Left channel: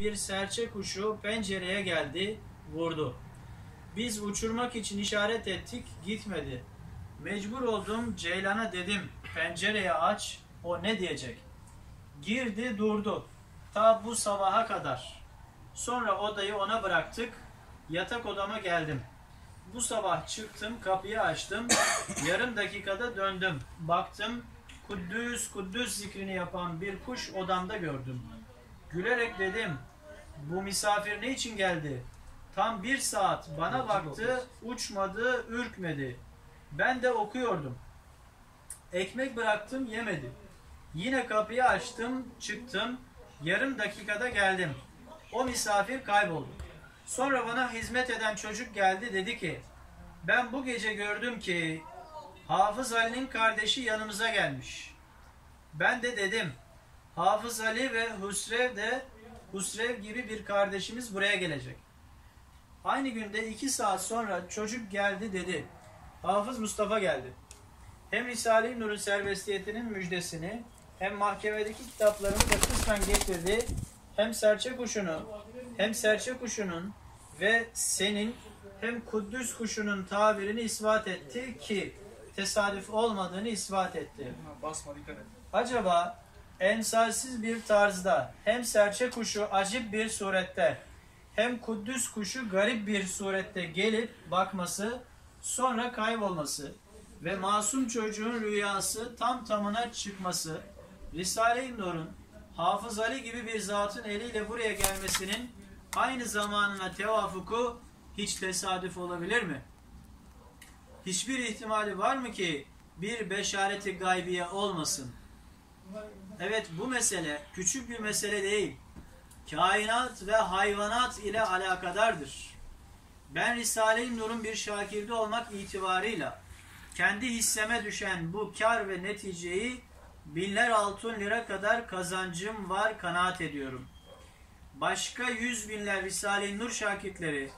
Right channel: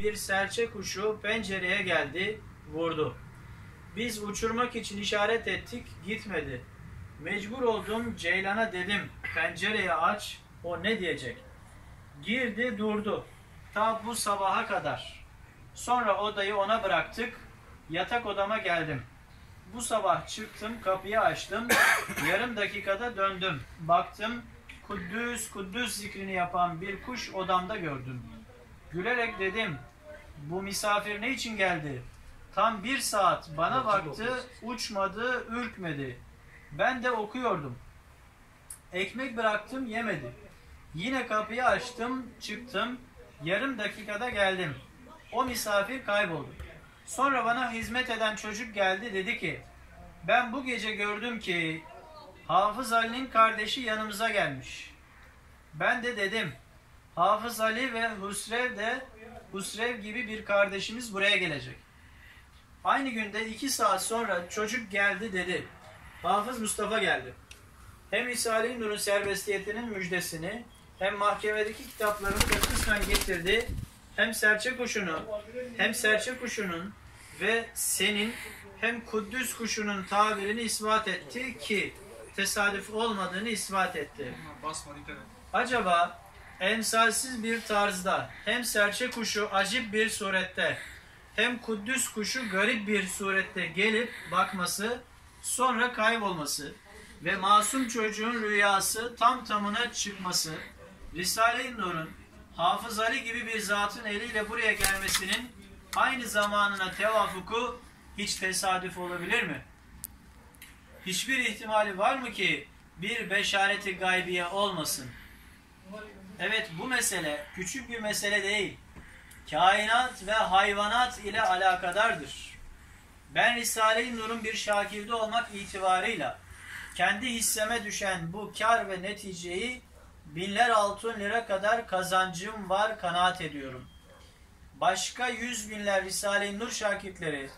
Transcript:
bir serçe kuşu pencereye geldi, vurdu. Biz uçurmak için işaret ettik, gitmedi. Mecbur oldum Ceylan'a dedim, pencereyi aç, o ne diyecek? Girdi durdu, ta bu sabaha kadar. Sonra odayı ona bıraktık, yatak odama geldim. Bu sabah çıktım, kapıyı açtım, yarım dakikada döndüm. Baktım, Kuddüs, Kuddüs zikrini yapan bir kuş odamda gördüm. Gülerek dedim, bu misafir ne için geldi? Tam bir saat bana baktı, uçmadı, ürkmedi. Ben de okuyordum. Ekmek bıraktım, yemedi. Yine kapıyı açtım, çıktım. Yarım dakikada geldim. O misafir kayboldu. Sonra bana hizmet eden çocuk geldi, dedi ki, ben bu gece gördüm ki Hafız Ali'nin kardeşi yanımıza gelmiş. Ben de dedim, Hafız Ali ve Husrev de Husrev gibi bir kardeşimiz buraya gelecek. Aynı günde iki saat sonra çocuk geldi dedi. Hafız Mustafa geldi. Hem Risale-i Nur'un serbestiyetinin müjdesini hem mahkemedeki kitaplarını da kısmen getirdi. Hem serçe kuşunun hem serçe kuşunun ve senin hem Kuddüs kuşunun tabirini ispat etti ki tesadüf olmadığını ispat etti. Acaba emsalsiz bir tarzda hem serçe kuşu acip bir surette hem Kuddüs kuşu garip bir surette gelip bakması sonra kaybolması ve masum çocuğun rüyası tam tamına çıkması Risale-i Nur'un Hafız Ali gibi bir zatın eliyle buraya gelmesinin aynı zamanına tevafuku hiç tesadüf olabilir mi? Hiçbir ihtimali var mı ki bir beşareti gaybiye olmasın? Evet bu mesele küçük bir mesele değil. Kainat ve hayvanat ile alakadardır. Ben Risale-i Nur'un bir şakilde olmak itibarıyla kendi hisseme düşen bu kar ve neticeyi binler altın lira kadar kazancım var kanaat ediyorum. Başka yüz binler Risale-i Nur şakitleri